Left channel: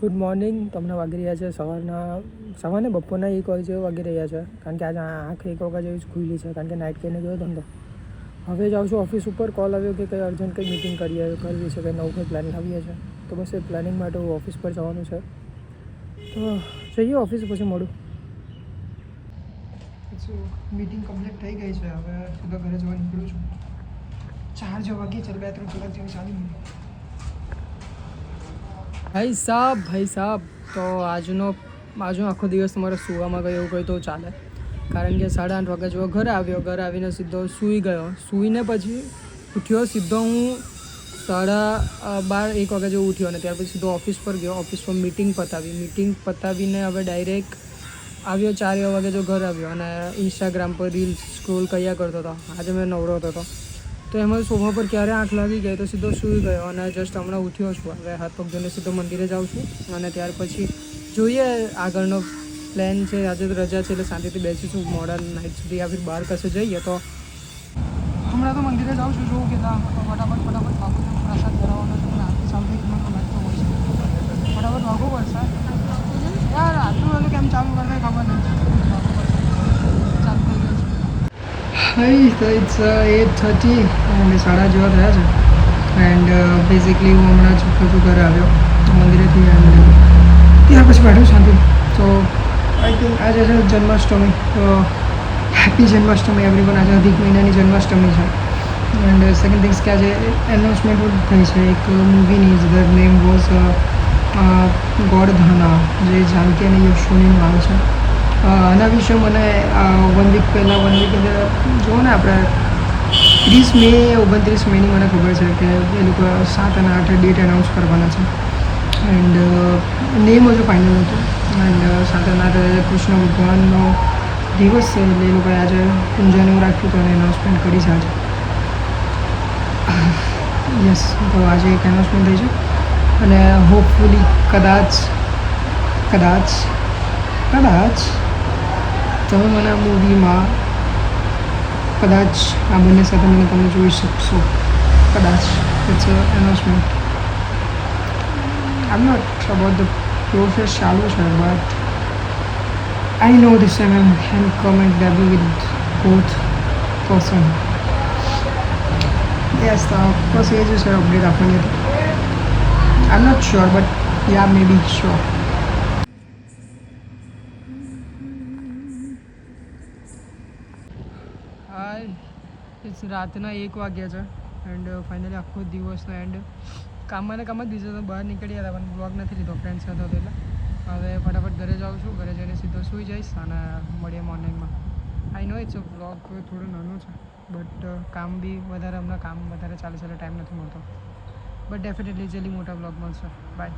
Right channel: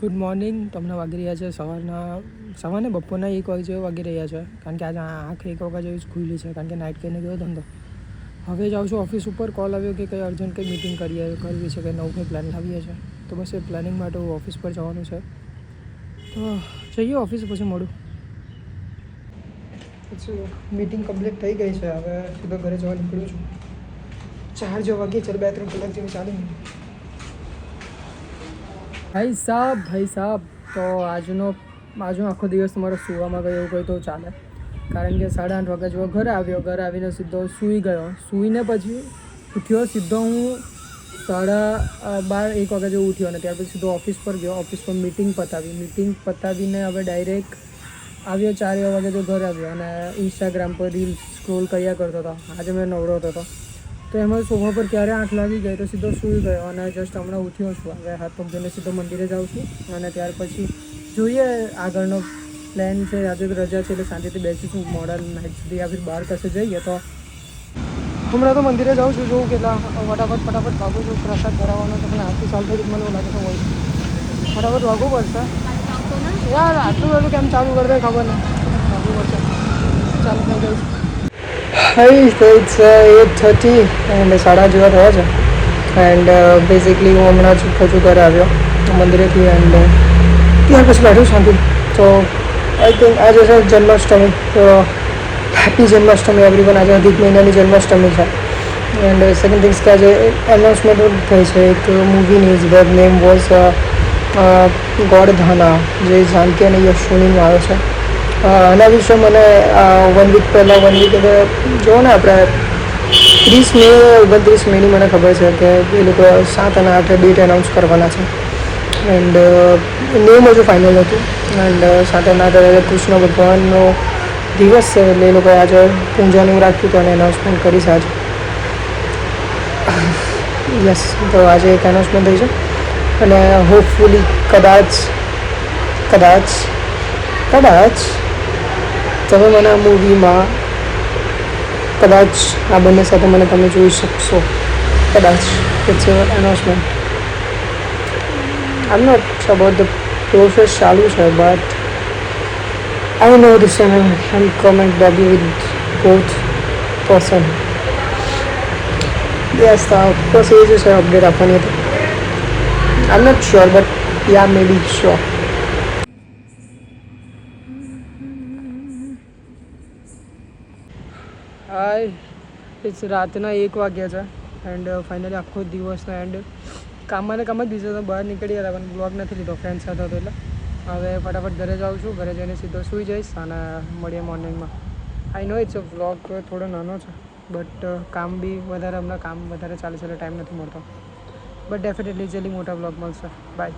Good morning. તમને વાગી રહ્યા છે સવારના બપોરના 1 વાગે જેવું વાગી રહ્યા છે, કારણ કે આજે આંખ 1 વાગ્યા જેવી જ ખુલ્લી છે, કારણ કે નાઇટ કરીને ગયો ધંધો. હવે જાઉં છું ઓફિસ ઉપર. કોલ આવ્યો કે કંઈ અર્જન્ટ કંઈ મીટિંગ કરવી છે, કંઈ નવું કંઈ પ્લાનિંગ આવીએ છે, તો બસ એ પ્લાનિંગ માટે હું ઓફિસ પર જવાનું છે. તો જઈએ ઓફિસ, પછી મળું. મીટિંગ કમ્પ્લીટ થઈ ગઈ છે. હવે સીધો ઘરે જવા નીકળું છું. 4 જેવા વાગી છે, 2-3 કલાક જેવી ચાલી મીટિંગ. ભાઈ સાહેબ, તો આજનો આખો દિવસ તમારો સૂવામાં ગયો એવું કંઈ તો ચાલે, કારણ કે 8:30 વાગ્યા જેવો ઘરે આવ્યો. ઘરે આવીને સીધો સૂઈ ગયો. સૂઈને પછી ઉઠ્યો સીધો હું 12:30 1 વાગ્યા જેવો ઉઠ્યો, અને ત્યાર પછી સીધો ઓફિસ પર ગયો. ઓફિસ પર મીટિંગ પતાવીને હવે ડાયરેક્ટ આવ્યો. 4 વાગે જો ઘરે આવ્યો અને ઇન્સ્ટાગ્રામ પર રીલ્સ સ્ક્રોલ કર્યા કરતો હતો. આજે મેં નવરો હતો, તો એમાં સોફા પર ક્યારે 8 વાગી ગઈ, તો સીધો સૂઈ ગયો અને જસ્ટ હમણાં ઉઠ્યો છું. હવે હાથ પગ ધોઈને સીધો મંદિરે જાઉં છું, અને ત્યાર પછી જોઈએ આગળનો પ્લાન છે. આજે તો રજા છે એટલે શાંતિથી બેસીશું મોડા નાઇટ સુધી, યા ફિર બહાર કશે જઈએ. તો હમણાં તો મંદિરે જાઉં છું. જોઉં કેટલા ફટાફટ ભાગું છું. પ્રસાદ ધરાવવાનો છે, પણ આરતી ચાલુ થઈ ગઈ મને એવું લાગે છે. હોય ફટાફટ ભાગવું પડશે યાર. આટલું બધું કેમ ચાલુ કરી દે ખબર નહીં. ભાગવું પડશે. ચાલુ થઈ ગયું. હાઈ, તો ઇટ્સ 8:30 એન્ડ 7:30 જેવા થયા છે. એન્ડ બેઝિકલી હું હમણાં જ હજુ ઘરે આવ્યો મંદિરેથી, એન્ડ ત્યાર પછી બેઠું શાંતિ. તો આઈ થિંક આજે છે જન્માષ્ટમી. તો હેપી જન્માષ્ટમી એવરીવન. આજે અધિક મહિનાની જન્માષ્ટમી છે. એન્ડ સેકન્ડ થિંગ્સ કે આજે એનાઉન્સમેન્ટ થઈ છે એક મૂવીની. ધ નેમ વોઝ ગોડધાના, જે જાનકી અને યશોનીનું આવ્યો છે. આના વિશે મને 1 વીક પહેલાં એટલે જુઓ ને, આપણે 30 મે 29 મેની મને ખબર છે કે એ લોકો 7 અને 8 ડેટ એનાઉન્સ કરવાના છે. એન્ડ નેમ હજુ ફાઇનલ હતું. એન્ડ 7 અને 8 કૃષ્ણ ભગવાનનો દિવસ છે, એટલે એ લોકોએ આજે પૂજાને એવું રાખ્યું હતું અને એનાઉન્સમેન્ટ કરી છે આજે. યસ, તો આજે એક એનાઉન્સમેન્ટ થઈ છે, અને હોપફુલી કદાચ તમે મને આ મૂવીમાં કદાચ આ બંને સાથે તમે જોઈ શકશો. કદાચ it's announcement. I am not about the process ચાલુ છે, but I know this time I can come and debut with both person. Yes, તો બસ એ જ છે અપડેટ આપવાની હતી. I am not sure, but yeah may be sure. Hi, it's રાતના 1 વાગ્યા છે. એન્ડ ફાઇનલી આખો દિવસનો એન્ડ કામમાં જ બીજો તો બહાર નીકળી ગયા હતા, પણ બ્લોગ નથી લીધો ફ્રેન્ડ સાથે હતો એટલે. હવે ફટાફટ ઘરે જાઉં છું. ઘરે જઈને સીધો સૂઈ જઈશ અને મળીએ મોર્નિંગમાં. આઈ નો ઇટ્સ વ્લોગ થોડો નાનો છે, બટ કામ વધારે ચાલે છે એટલે ટાઈમ નથી મળતો. બટ ડેફિનેટલી જલ્દી મોટા વ્લોગ મળશે. બાય.